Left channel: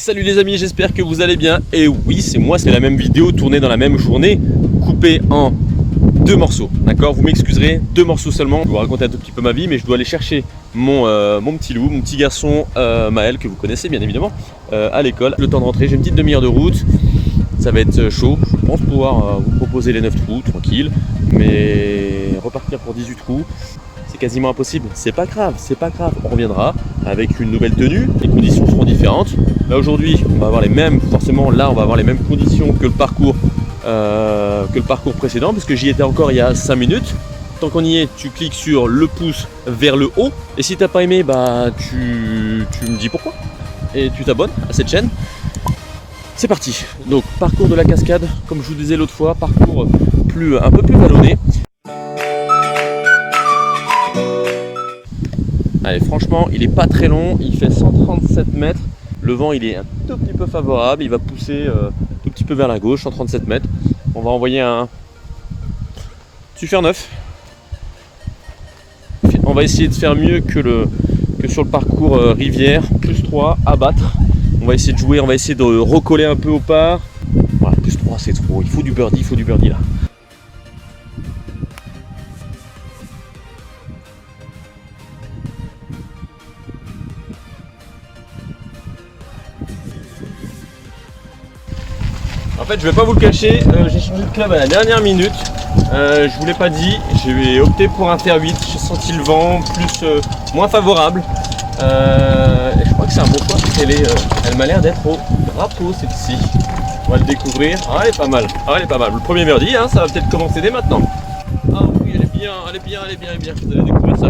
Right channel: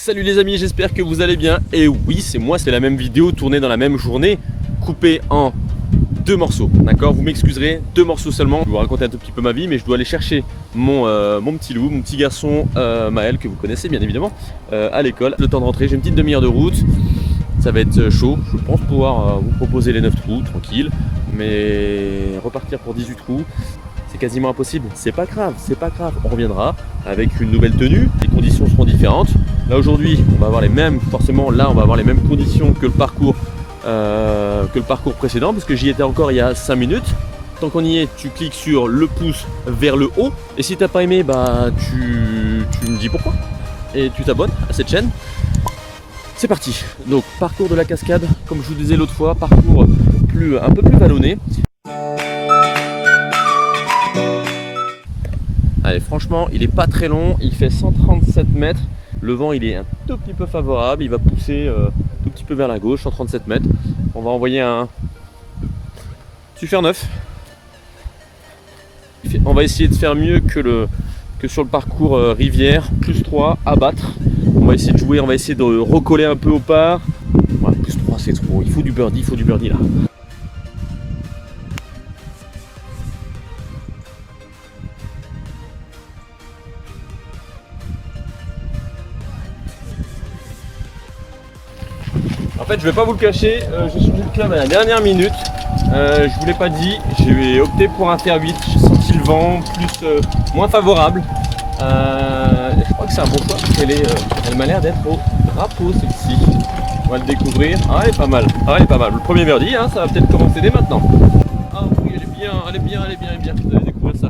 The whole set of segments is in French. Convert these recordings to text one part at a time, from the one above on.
Salut les amis, j'espère que vous allez bien. Et oui, c'est moi, c'est la même vidéo tournée dans la même journée, coupée en deux morceaux. D'accord, vous m'excuserez, deux morceaux seulement. Je vais vous raconter un tout petit peu ma vie, mais je dois aller chercher mon petit loup, mon petit garçon Maël, que vous connaissez bien évidemment, à l'école. Le temps de rentrer, j'ai une petite demi-heure de route. Ça va être chaud, je pense pouvoir vous proposer les 9 trous, tranquille. Mais repartir pour 18 trous, c'est quasiment impossible. C'est pas grave, on reviendra avec une nouvelle tenue, les conditions seront différentes. Là aujourd'hui, on va avoir les mêmes, forcément là on va avoir les mêmes conditions que le parcours précédent, parce que j'y étais encore il y a 5 minutes. Tant qu'on y est, tu cliques sur le pouce vers le haut, et si t'as pas aimé, bah tu me dis pourquoi, et tu t'abonnes à cette chaîne. C'est parti. Donc parcours de la cascade, comme je vous disais l'autre fois, parcours un peu plus vallonné. Allez, franchement, il est pas très long, il fait 137 mètres. Le vent, il est un tout petit peu favorable, il va pousser tout petit peu vers la gauche, 137 mètres. On va envoyer un Super 9. On va essayer de faire mieux que sur le parcours rivière, plus 3, à battre. On va essayer de jouer, on va essayer de recoller un peu au par. Voilà, plus 3, c'est trop, il faut du birdie là. En fait, je vais pas vous le cacher, j'ai changé de club à la dernière minute. Je vous l'ai pas dit, j'ai opté pour un faire 8. J'ai senti le vent moins favorable. Et je crois que c'est un bon choix parce elle m'a l'air d'être au drapeau celle-ci. On va le découvrir. Ah, elle est pas mal. Le premier birdie, hein, ça va peut-être commencer dès maintenant. Ah oui, elle est bien. Vous allez découvrir ça.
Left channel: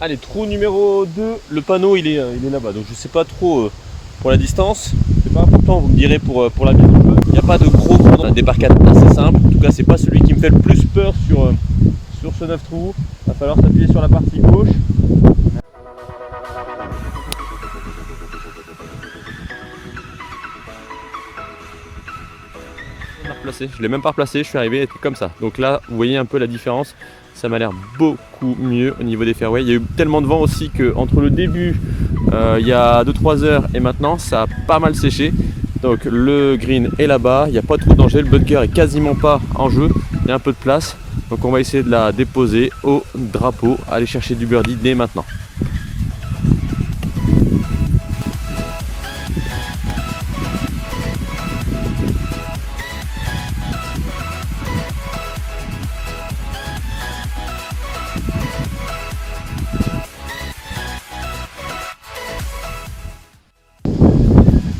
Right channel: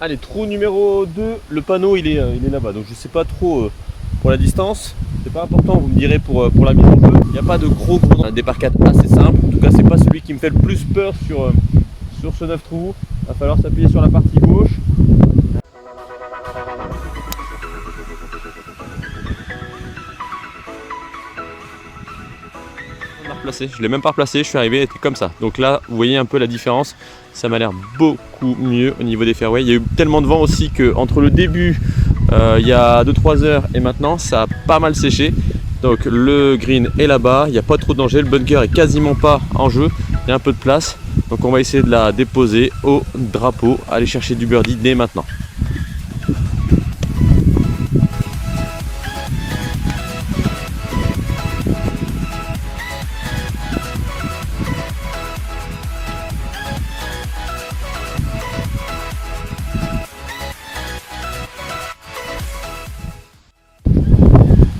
Allez, trou numéro 2, le panneau il est là-bas, donc je sais pas trop pour la distance, c'est pas important, vous me direz pour la mise un peu. Il n'y a pas de gros cordon, un départ 4 assez simple, en tout cas c'est pas celui qui me fait le plus peur sur ce 9 trous. Il va falloir s'appuyer sur la partie gauche. Je l'ai même pas replacé, je suis arrivé, elle était comme ça. Donc là, vous voyez un peu la différence. Ça m'a l'air beaucoup mieux au niveau des fairways. Il y a eu tellement de vent aussi que entre le début, il y a 2-3 heures et maintenant, ça a pas mal séché. Donc le green est là-bas, il n'y a pas trop de danger. Le bunker est quasiment pas en jeu, il y a un peu de place. Donc on va essayer de la déposer au drapeau, aller chercher du birdie dès maintenant.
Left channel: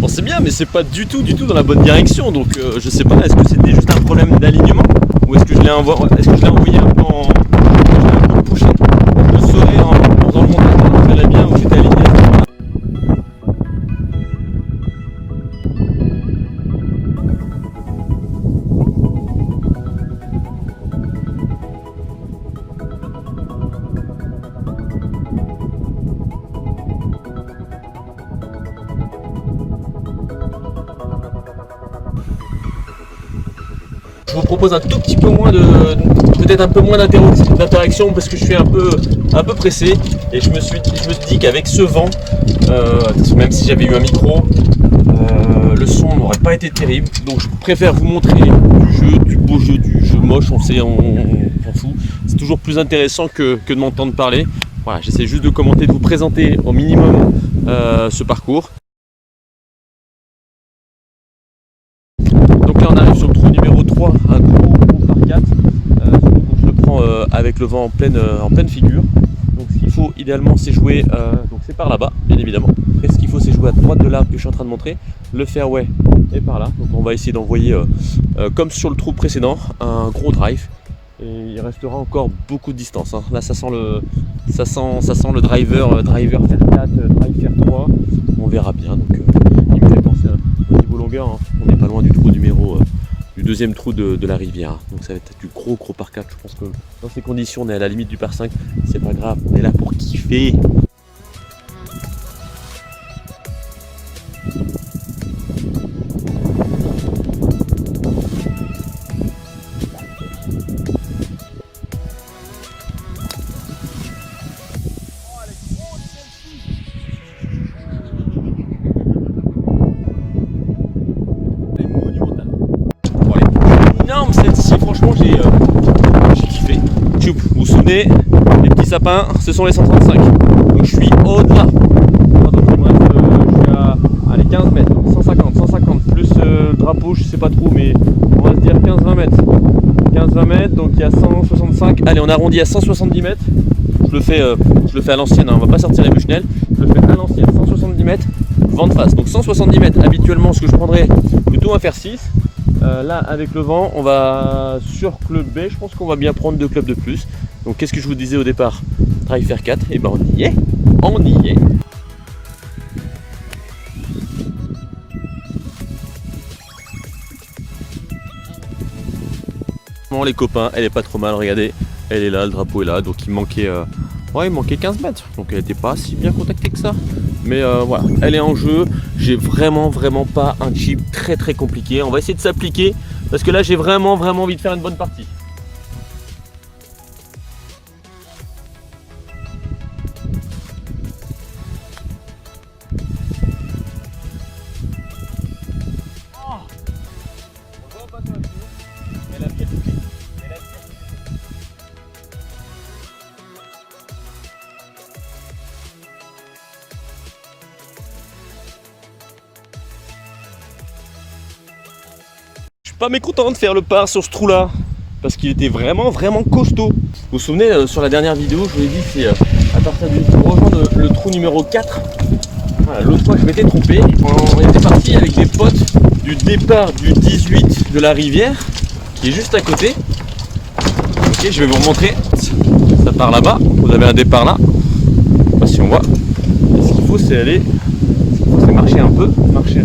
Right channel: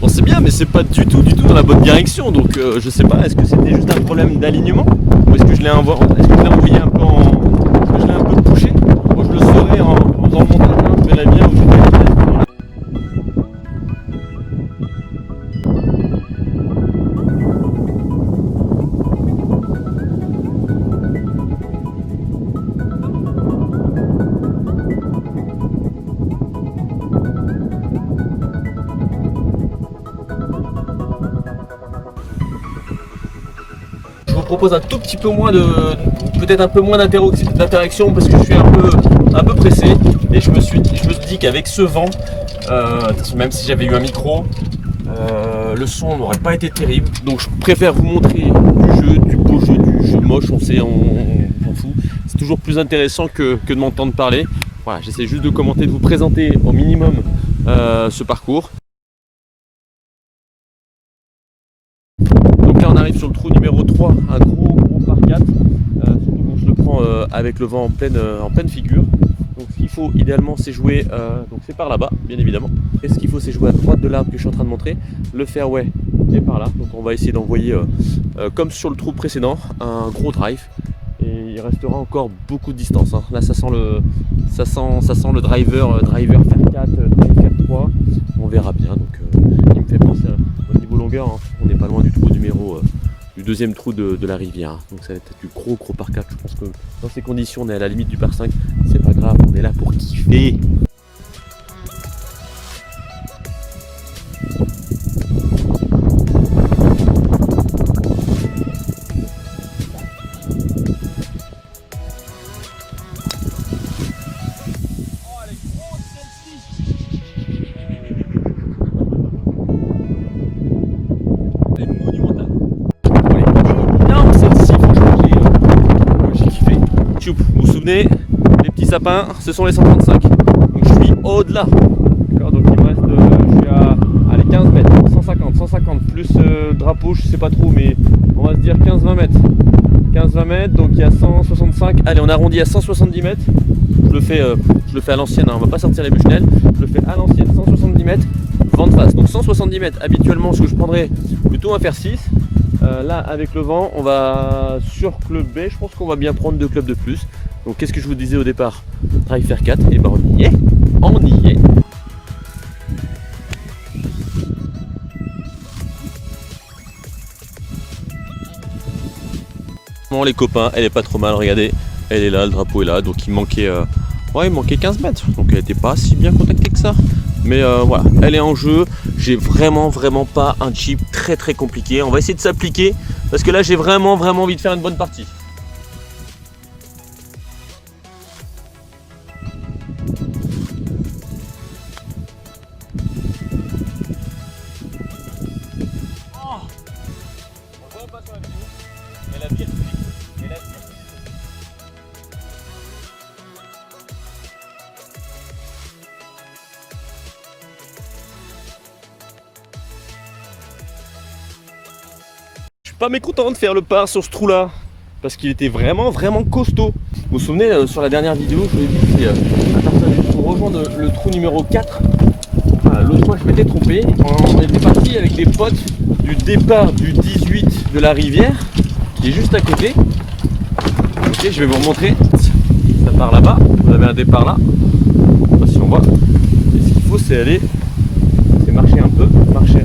Bon, c'est bien, mais c'est pas du tout dans la bonne direction, donc je sais pas, est-ce que c'était juste un problème d'alignement ou est-ce que je l'ai envoyé un peu je l'ai un peu poussé. Bon, je le saurais en remontant, je verrais bien où j'étais aligné. Je vous propose un tout petit peu moins peut-être un peu moins d'interaction parce que je suis un peu pressé et je me suis dit qu'avec ce vent, même si j'avais eu un micro, le son n'aurait pas été terrible. Donc je préfère vous montrer du beau jeu, du jeu moche, on s'en fout. C'est toujours plus intéressant que de m'entendre parler. Voilà, j'essaie juste de commenter, de vous présenter au minimum ce parcours. Donc là on arrive sur le trou numéro 3, un gros par 4, surtout quand je le prends avec le vent en pleine figure. Donc ce qu'il faut idéalement c'est jouer, donc c'est par là-bas bien évidemment. Et ce qu'il faut c'est jouer à droite de l'arbre que je suis en train de montrer. Le fairway est par là, donc on va essayer d'envoyer comme sur le trou précédent un gros drive. Et restera encore beaucoup de distance. Hein. Là, ça sent le driver faire 4, drive faire 3. On verra bien. Donc, il me fait penser au niveau longueur. Hein. On n'est pas loin du trou numéro, du deuxième trou de la rivière. Donc, ça va être du gros par 4. Je pense que dans ces conditions, on est à la limite du par 5. C'est pas grave. On est là pour kiffer. Vous vous souvenez, les petits sapins, ce sont les 135. Donc je suis au-delà. Donc il me reste, je suis à allez, 15 mètres, 150, plus le drapeau, je sais pas trop, mais on va se dire 15-20 mètres. 15-20 mètres, donc il y a 165. Allez, on arrondit à 170 mètres. Je le fais à l'ancienne, hein, on va pas sortir les Bushnell. Je le fais à l'ancienne, 170 mètres, vent de face. Donc 170 mètres, habituellement, ce que je prendrais plutôt un faire 6. Là avec le vent on va sur club B, je pense qu'on va bien prendre 2 clubs de plus. Donc qu'est-ce que je vous disais au départ, drive faire 4, et ben on y est. Bon les copains, elle est pas trop mal, regardez, elle est là, le drapeau est là, donc il manquait 15 mètres, donc elle n'était pas si bien contactée que ça. Mais voilà, elle est en jeu. J'ai vraiment pas un chip très compliqué. On va essayer de s'appliquer parce que là j'ai vraiment envie de faire une bonne partie. Oh, on le voit pas sur la vidéo. Elle a bien touché. Pas mécontent de faire le par sur ce trou là parce qu'il était vraiment costaud. Vous vous souvenez sur la dernière vidéo, je vous l'ai dit, c'est à partir du rejoindre le trou numéro 4. Voilà, l'autre fois je m'étais trompé, on était parti avec les potes du départ du 18 de la rivière qui est juste à côté. Ok, je vais vous remontrer, ça part là-bas, vous avez un départ là, je sais pas si on voit. Et ce qu'il faut c'est aller, c'est marcher un peu, marcher,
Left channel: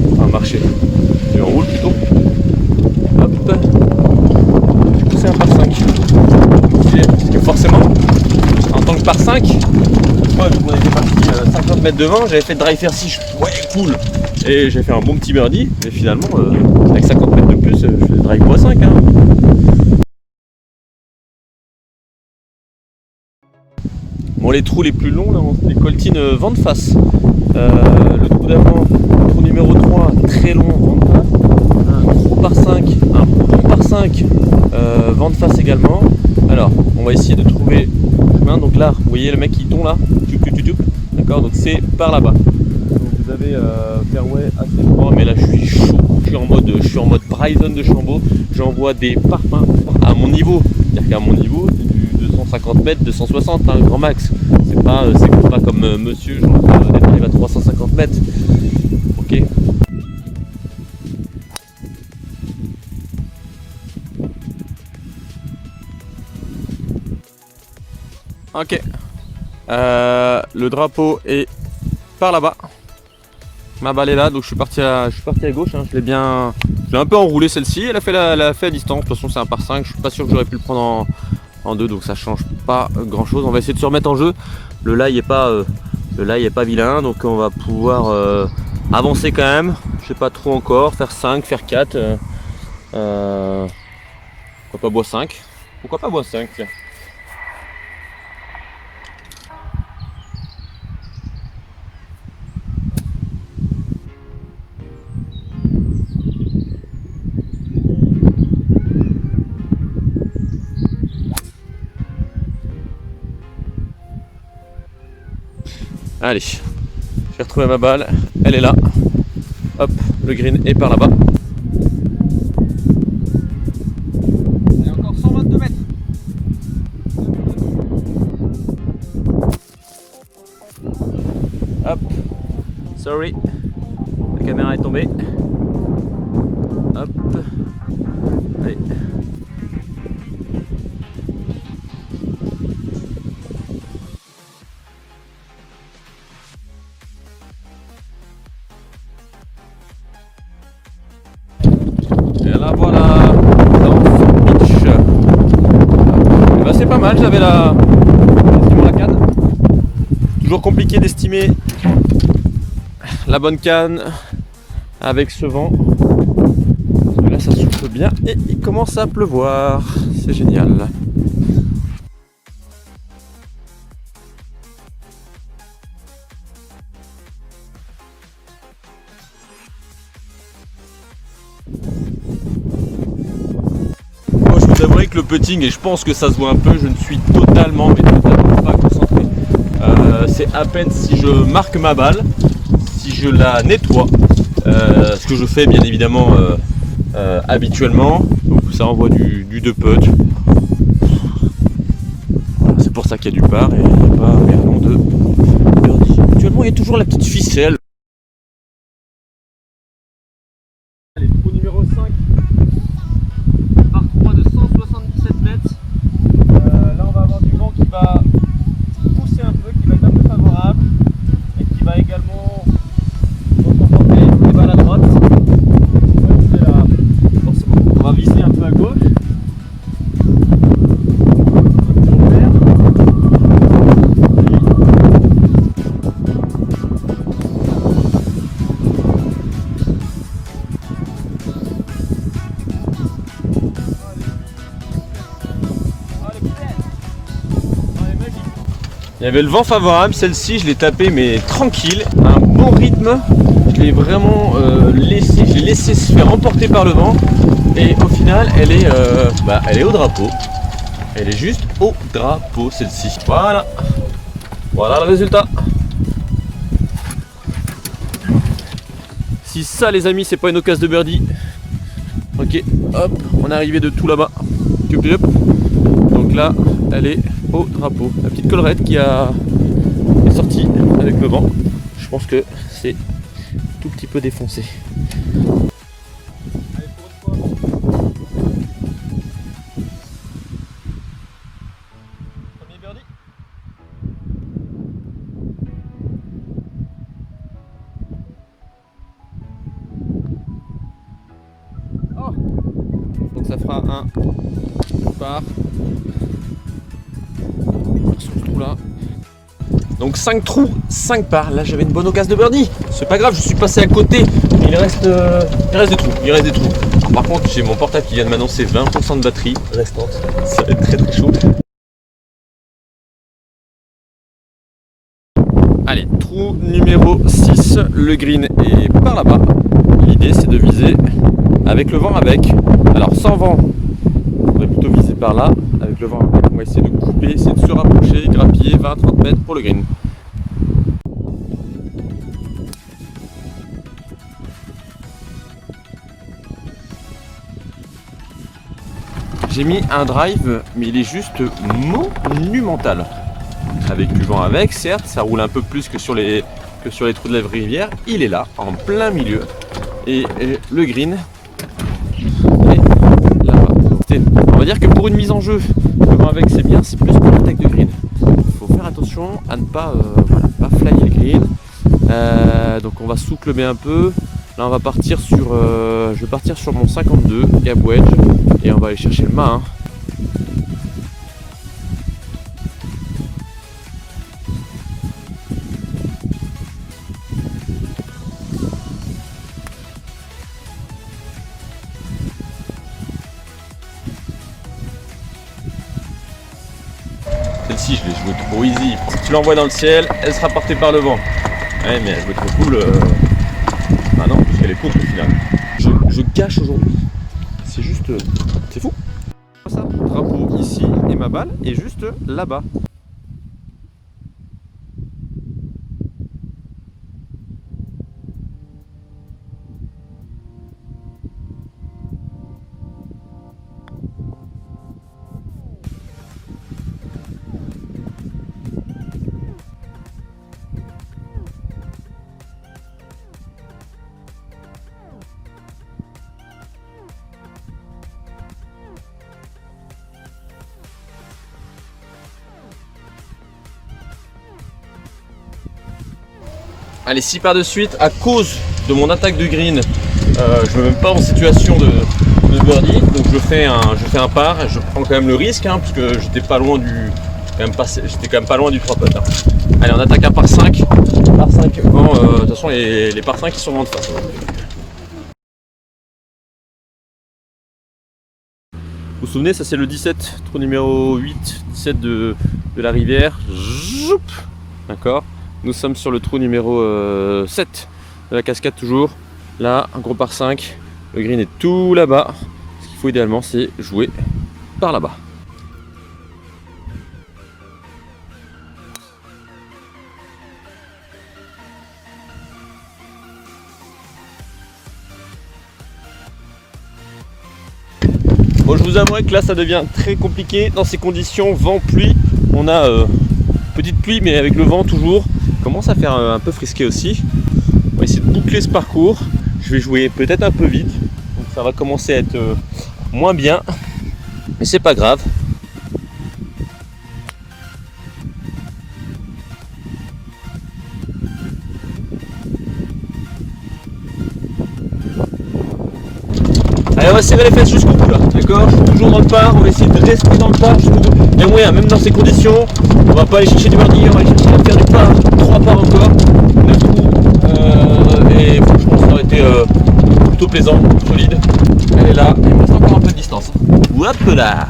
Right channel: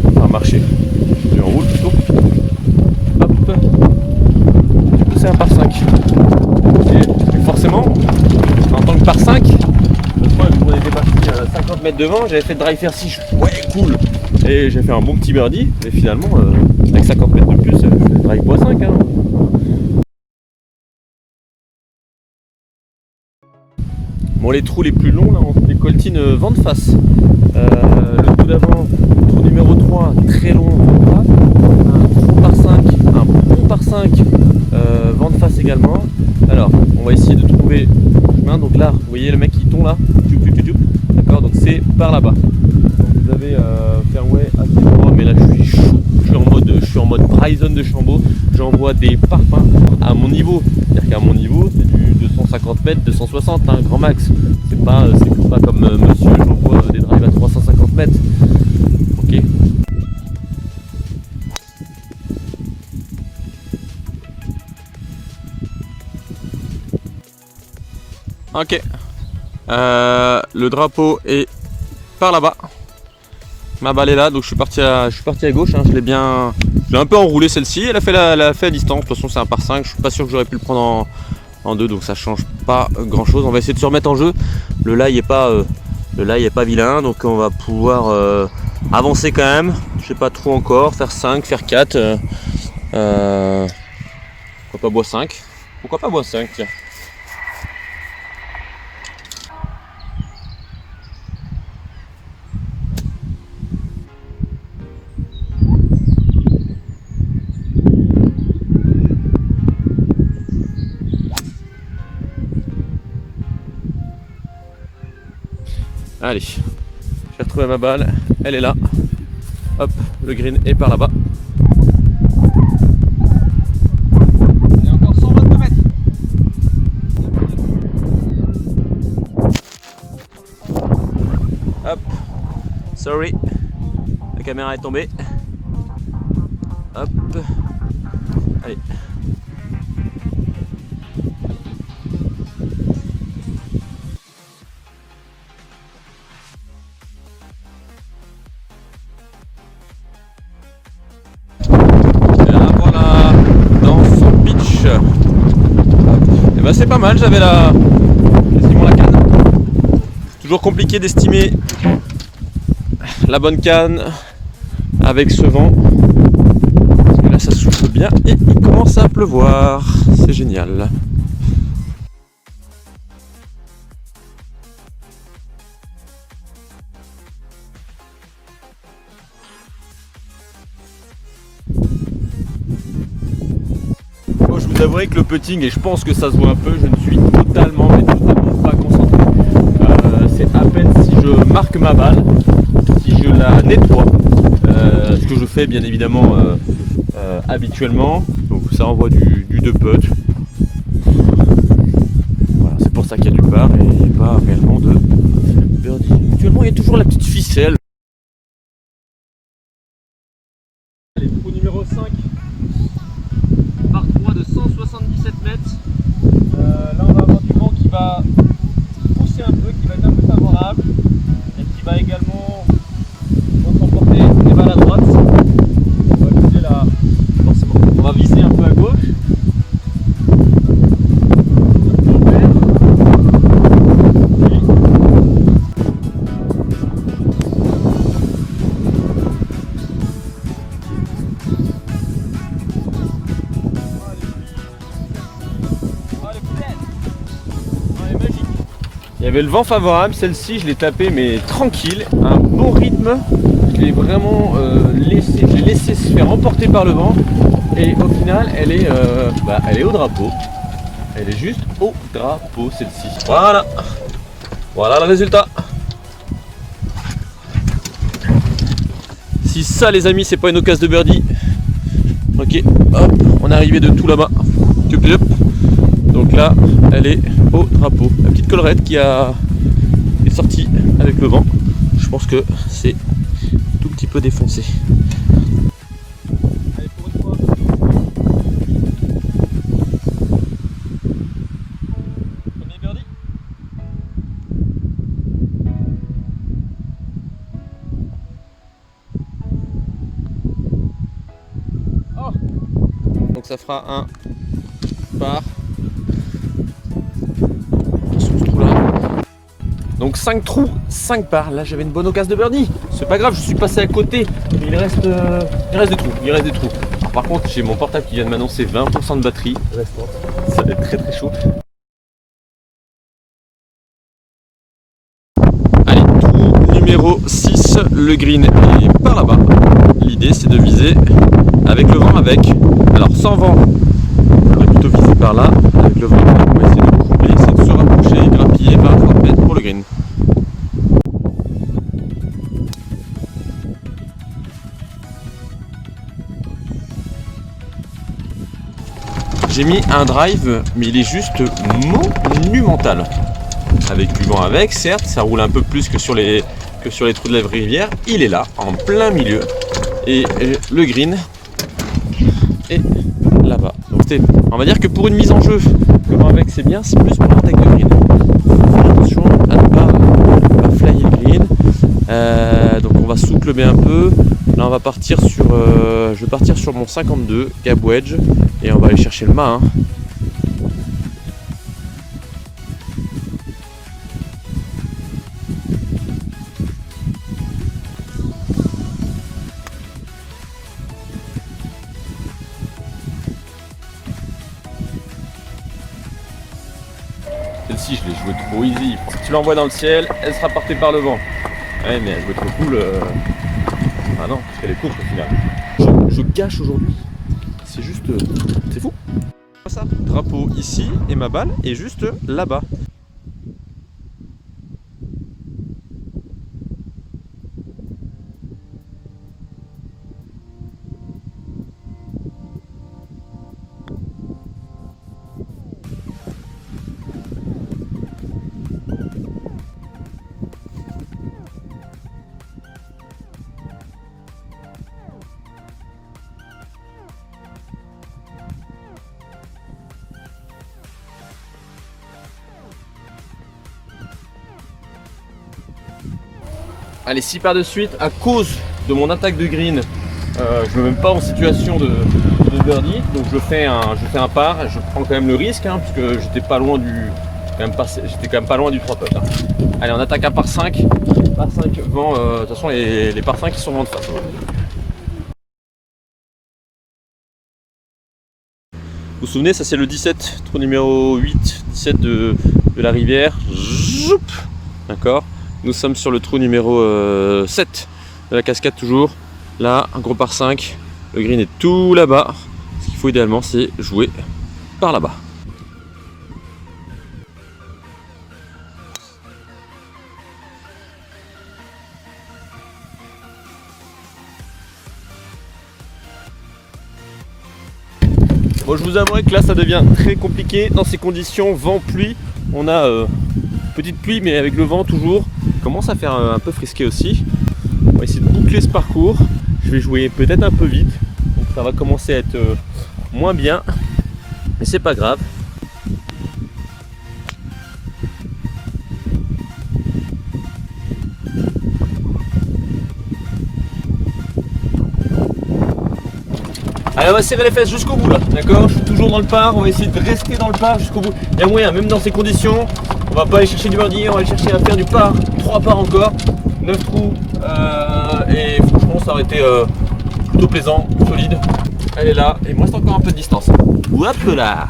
je roule plutôt. Hop, du coup c'est un par 5. Et forcément, en tant que par 5, une fois qu'on était parti 50 mètres devant, j'avais fait drive faire 6, ouais cool. Et j'ai fait un bon petit birdie, et finalement, avec 50 mètres de plus, je fais drive x 5. Hein. Bon, les trous les plus longs, là, les coltines vent de face. Le trou d'avant, trou numéro 3, très long, vent de face. Un trou par 5, un pont par 5, vent de face également. Alors, on va essayer de trouver le chemin. Donc là, vous voyez le mec qui tombe là, d'accord, donc c'est par là-bas. Donc vous avez fairway assez droit, mais là je suis chaud. Je suis en mode Bryson de Chambaud. J'envoie des parpaings à mon niveau. C'est-à-dire qu'à mon niveau, c'est du 250 mètres, 260, hein, grand max. C'est pas comme monsieur, d'être arrivé à 350 mètres. Ok. Ok. Le drapeau est par là-bas. Ma balle est là, donc je suis parti à gauche. Hein. Je l'ai un peu enroulé celle-ci. Elle a fait à distance. De toute façon, c'est un par 5. Je suis pas sûr que j'aurais pu le prendre en 2, donc ça change pas grand-chose. On va essayer de se remettre en jeu. Le lie est pas vilain, donc on va pouvoir avancer quand même. Je sais pas trop encore. Faire 5, faire 4. Pourquoi pas bois 5? Pourquoi pas bois 5, tiens. Allez, j'ai retrouvé ma balle, elle est là. Hop, le green est par là-bas. Il y a encore 122 mètres. Hop, sorry, la caméra est tombée. Hop, allez. Bah c'est pas mal, j'avais quasiment la canne. Toujours compliqué d'estimer la bonne canne avec ce vent. Parce que là ça souffle bien et il commence à pleuvoir. C'est génial. Moi je vous avouerai que le putting, et je pense que ça se voit un peu, je ne suis totalement pas concentré. C'est à peine si je marque ma balle, si je la nettoie, ce que je fais bien évidemment habituellement. Donc ça envoie du 2 putt. Voilà, c'est pour ça qu'il y a du par et il n'y a pas réellement de birdie. Actuellement il y a toujours la petite ficelle. Allez, trou numéro 5. Par 3 de 177 mètres. Là on va avoir du vent qui va pousser un peu, qui va être un peu favorable et qui va également emporter des balles à droite. On va viser un peu à gauche. Il y avait le vent favorable, celle-ci je l'ai tapée mais tranquille, un bon rythme, je l'ai vraiment laissé se faire emporter par le vent et au final elle est au drapeau, elle est juste au drapeau celle-ci, voilà le résultat. Si ça les amis c'est pas une occasion de birdie, ok hop on est arrivé de tout là-bas, donc là elle est au drapeau. La petite collerette qui est sortie avec le vent. Je pense que c'est tout petit peu défoncé. Allez, pour une fois. Premier birdie. Oh. Donc ça fera un par. Donc 5 trous, 5 parts. Là j'avais une bonne occasion de birdie. C'est pas grave, je suis passé à côté. Il reste des trous. Alors, par contre j'ai mon portable qui vient de m'annoncer 20% de batterie restante. Ça va être très très chaud. Allez, trou numéro 6. Le green est par là-bas. L'idée c'est de viser avec le vent avec. Alors sans vent, on va plutôt viser par là. Avec le vent, on va essayer de couper, essayer de se rapprocher, grappiller 20-30 mètres pour le green. J'ai mis un drive, mais il est juste monumental. Avec du vent avec, certes, ça roule un peu plus que sur les trous de la rivière. Il est là, en plein milieu. Et le green est là-bas. Donc on va dire que pour une mise en jeu, le vent avec c'est bien, c'est plus pour le tech de green. Faire attention à ne pas flyer le green. Donc on va sous-clubber un peu. Là on va partir sur je vais partir sur mon 52 gap wedge et on va aller chercher le mât. Celle-ci je l'ai jouée trop easy. Si tu l'envoies dans le ciel, elle sera portée par le vent. Ouais mais elle jouait trop cool. Ah non, parce qu'elle est courte au final. Je gâche aujourd'hui. C'est juste... c'est fou. Ça, drapeau ici et ma balle est juste là-bas. Allez, 6 parts de suite à cause de mon attaque de green. Je ne me mets même pas en situation de birdie, donc je fais un par. Je prends quand même le risque, hein, parce que j'étais pas loin du, j'étais quand même pas loin du 3 putts. Hein. Allez, on attaque un par 5. Par 5 vent, de toute façon les par 5 ils sont vent de face. Vous vous souvenez, ça c'est le 17, trou numéro 8, 17 de la rivière. D'accord. Nous sommes sur le trou numéro 7 de la cascade toujours. Là, un gros par 5. Le green est tout là-bas. Ce qu'il faut idéalement, c'est jouer par là-bas. Bon, je vous avouerai que là ça devient très compliqué dans ces conditions, vent, pluie. On a petite pluie mais avec le vent toujours. Il commence à faire un peu frisqué aussi. On va essayer de boucler ce parcours. Je vais jouer peut-être un peu vite, donc ça va commencer à être moins bien, mais c'est pas grave. Allez, on va serrer les fesses jusqu'au bout là, d'accord? Je suis toujours dans le par, on va essayer de rester dans le par jusqu'au bout. Il y a moyen, même dans ces conditions, on va pas aller chercher du birdie, on va aller chercher à faire du par, 3 par encore, 9 trous, et franchement ça aurait été plutôt plaisant, solide. Elle est là, il me reste encore un peu de distance. Hop là!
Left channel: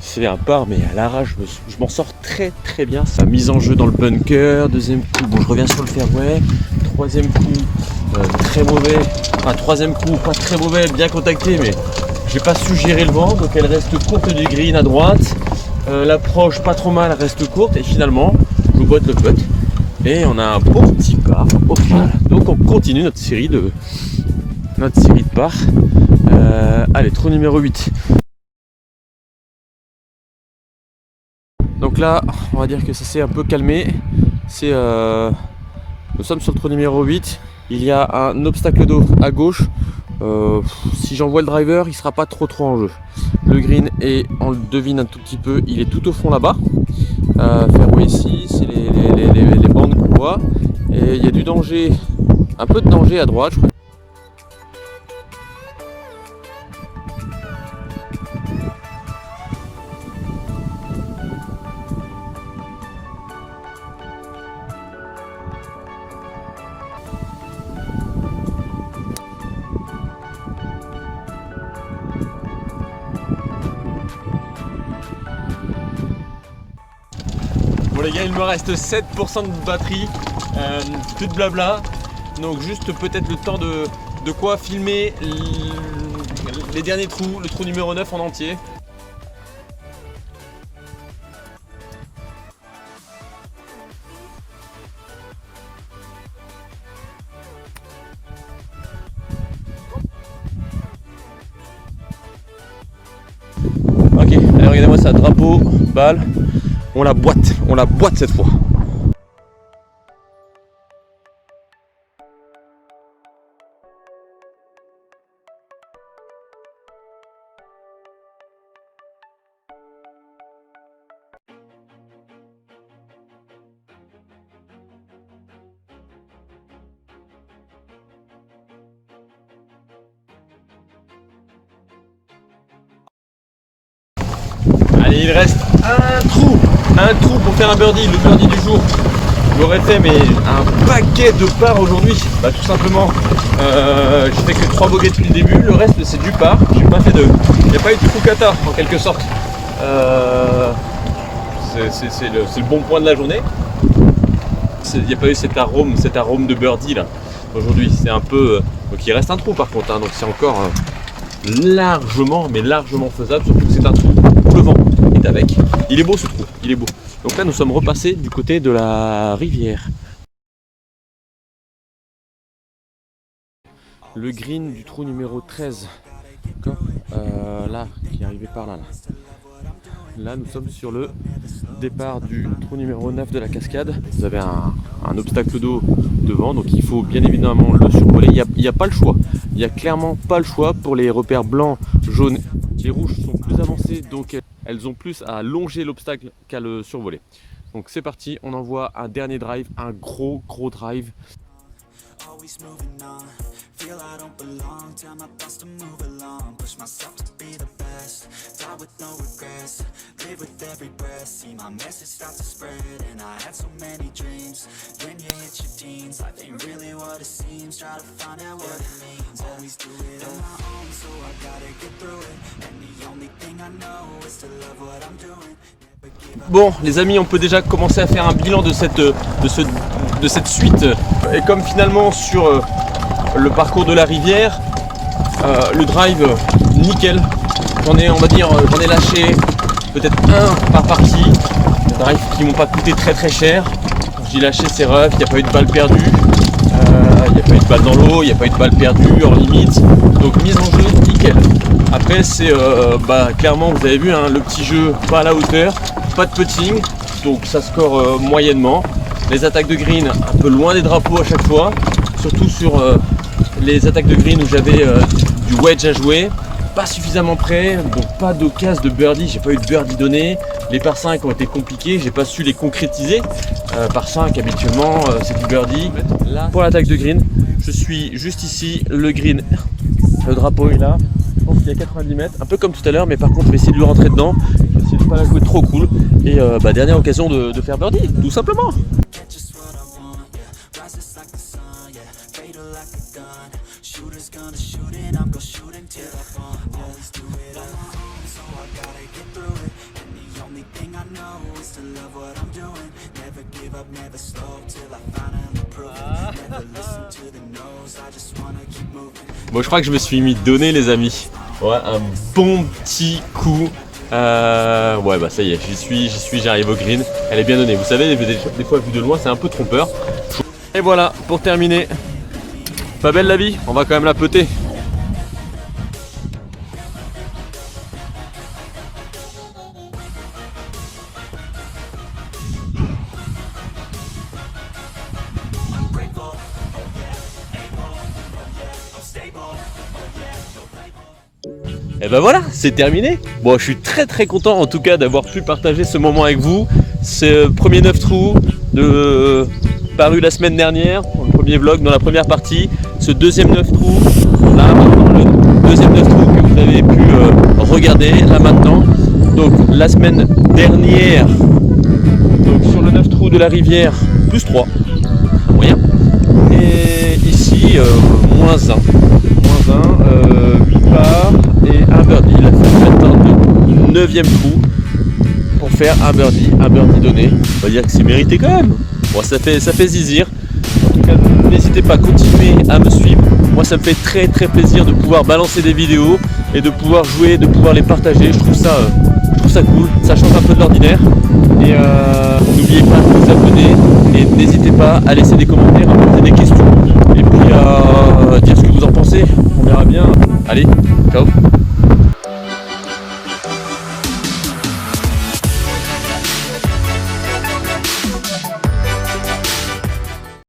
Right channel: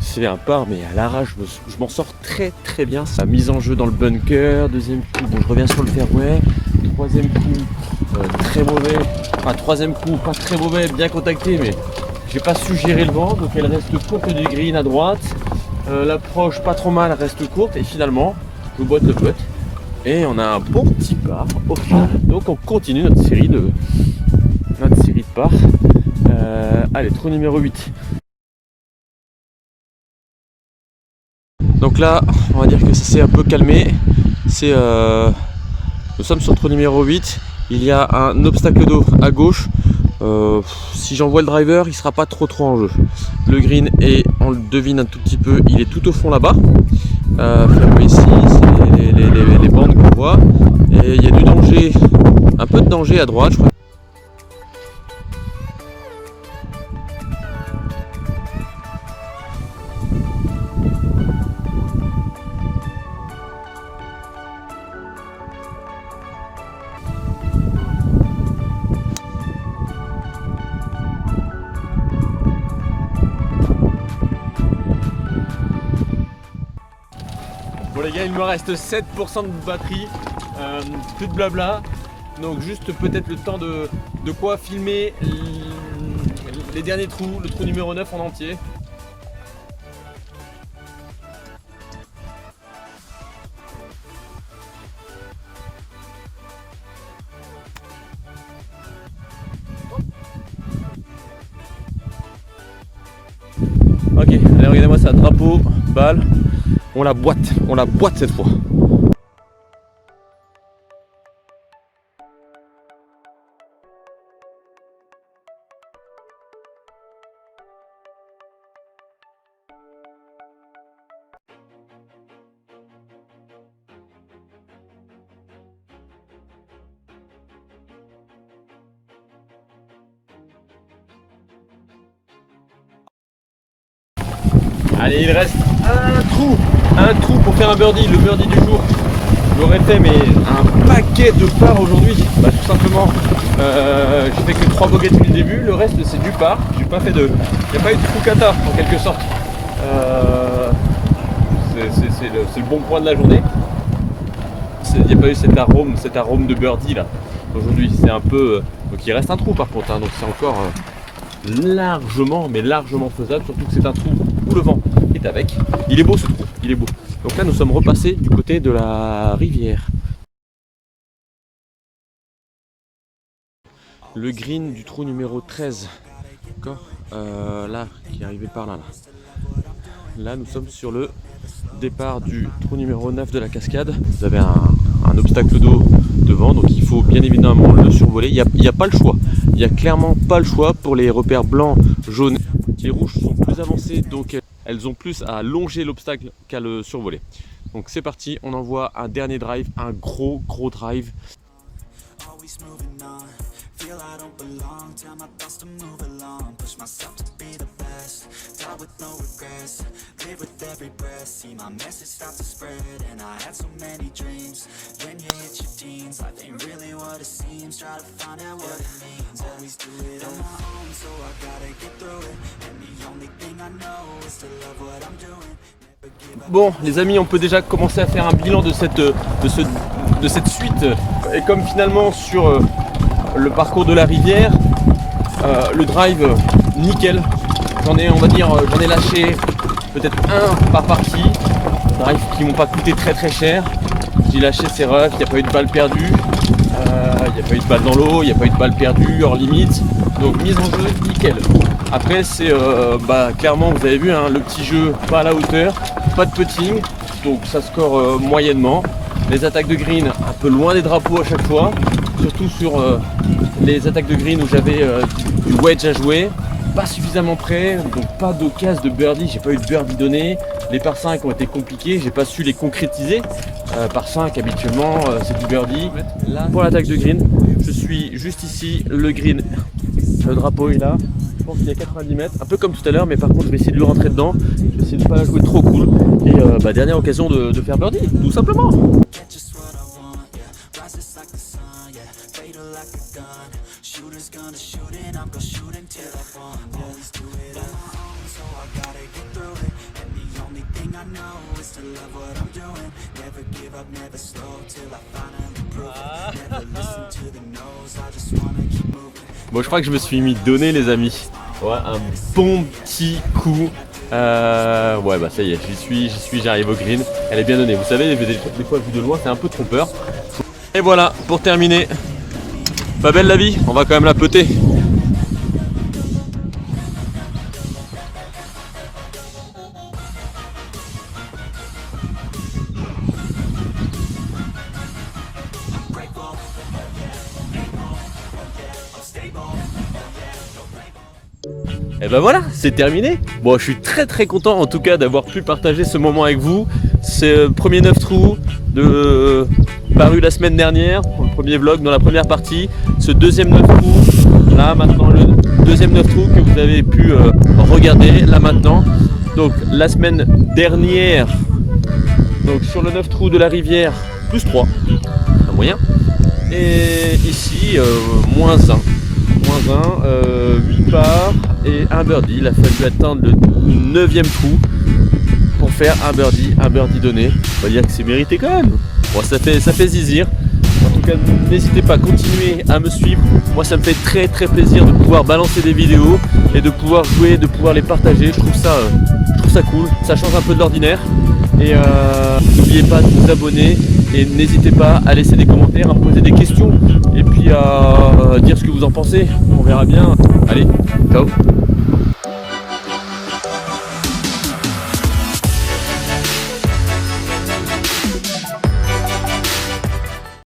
C'est un par mais à l'arrache, je m'en sors très bien. Sa mise en jeu dans le bunker, deuxième coup, bon je reviens sur le fairway, troisième coup très mauvais, enfin troisième coup pas très mauvais, bien contacté mais j'ai pas su gérer le vent, donc elle reste courte du green à droite, l'approche pas trop mal, reste courte et finalement je boite le putt et on a un bon petit par au final. Donc on continue notre série de par. Allez, trou numéro 8. Donc là, on va dire que ça s'est un peu calmé. Nous sommes sur le trou numéro 8. Il y a un obstacle d'eau à gauche. Si j'envoie le driver, il ne sera pas trop en jeu. Le green est, on le devine un tout petit peu, il est tout au fond là-bas. Fairway ici, c'est les bandes qu'on voit. Et il y a du danger, un peu de danger à droite, je crois. Bon les gars, il me reste 7% de batterie, plus de blabla, donc juste peut-être le temps de quoi filmer les derniers trous, le trou numéro 9 en entier. Ok, allez regardez-moi ça, drapeau, balle. On la boite cette fois. Allez, il reste un trou pour faire un birdie, le birdie du jour. Je l'aurais fait mais un paquet de par aujourd'hui. Bah tout simplement, j'ai fait que 3 bogeys depuis le début, le reste c'est du par. J'ai pas fait il n'y a pas eu de trou kata en quelque sorte. C'est le bon point de la journée. Il n'y a pas eu cet arôme de birdie là aujourd'hui. C'est un peu. Donc il reste un trou par contre, hein, donc c'est encore largement, mais largement faisable. Surtout que c'est un trou où le vent est avec. Il est beau ce trou, il est beau. Donc là nous sommes repassés du côté de la rivière. Le green du trou numéro 13. D'accord, là, qui est arrivé par là. Là, nous sommes sur le départ du trou numéro 9 de la cascade. Vous avez un obstacle d'eau devant, donc il faut bien évidemment le survoler. Il n'y a pas le choix. Il n'y a clairement pas le choix pour les repères blancs, jaunes. Les rouges sont plus avancées, donc elles ont plus à longer l'obstacle qu'à le survoler. Donc c'est parti, on envoie un dernier drive, un gros drive. Always moving on, feel I don't belong, tell my thoughts to move along, push myself to be the best, die with no regrets, live with every breath, see my message start to spread, and I had so many dreams, when you hit your teens, life ain't really what it seems, try to find out what it means, always do it on my own, so I gotta get through it, and the only thing I know is to love what I'm doing. Bon les amis, on peut déjà commencer à faire un bilan de cette suite. Et comme finalement sur le parcours de la rivière, le drive nickel. J'en ai lâché peut-être un par partie. Des drives qui m'ont pas coûté très cher. J'ai lâché, c'est rough, il n'y a pas eu de balle perdue. Il n'y a pas eu de balle dans l'eau, il n'y a pas eu de balle perdue hors limite. Donc mise en jeu nickel. Après c'est clairement vous avez vu hein, le petit jeu pas à la hauteur, pas de putting, donc ça score moyennement. Les attaques de green un peu loin des drapeaux à chaque fois, surtout sur les attaques de green où j'avais du wedge à jouer, pas suffisamment près, donc pas d'occasion de birdie, j'ai pas eu de birdie donné. Les par 5 ont été compliqués, j'ai pas su les concrétiser. Par 5 habituellement c'est du birdie. Là, pour l'attaque de green, je suis juste ici, le green, le drapeau est là. Je pense qu'il y a 90 mètres, un peu comme tout à l'heure, mais par contre je vais essayer de lui rentrer dedans, je vais essayer de ne pas la jouer trop cool. Et dernière occasion de faire birdie, tout simplement. Bon, je crois que je me suis mis donné les amis. Ouais, un bon petit coup. Ouais bah ça y est, j'y suis, j'arrive au green. Elle est bien donnée. Vous savez, des fois vu de loin, c'est un peu trompeur. Et voilà, pour terminer. Pas belle la vie, on va quand même la peter. Et ben voilà, c'est terminé. Bon, je suis très content en tout cas d'avoir pu partager ce moment avec vous. C'est le premier 9 trous paru la semaine dernière, le premier vlog dans la première partie. Ce deuxième 9 trous, là maintenant le deuxième 9 trous que vous avez pu regarder là maintenant. Donc la semaine dernière, donc sur le 9 trous de la rivière, plus 3, un moyen. Et ici, moins 1. 8 parts et un birdie. Il a fallu atteindre le 9e trou pour faire un birdie donné. On va dire que c'est mérité quand même. Bon, ça fait zizir. En tout cas, n'hésitez pas à continuer à me suivre. Moi, ça me fait très plaisir de pouvoir balancer des vidéos et de pouvoir jouer, de pouvoir les partager. Je trouve ça cool. Ça change un peu de l'ordinaire. Et n'oubliez pas de vous abonner et n'hésitez pas à laisser des commentaires, à poser des questions et puis à dire ce que vous en pensez. On verra bien. Allez, ciao.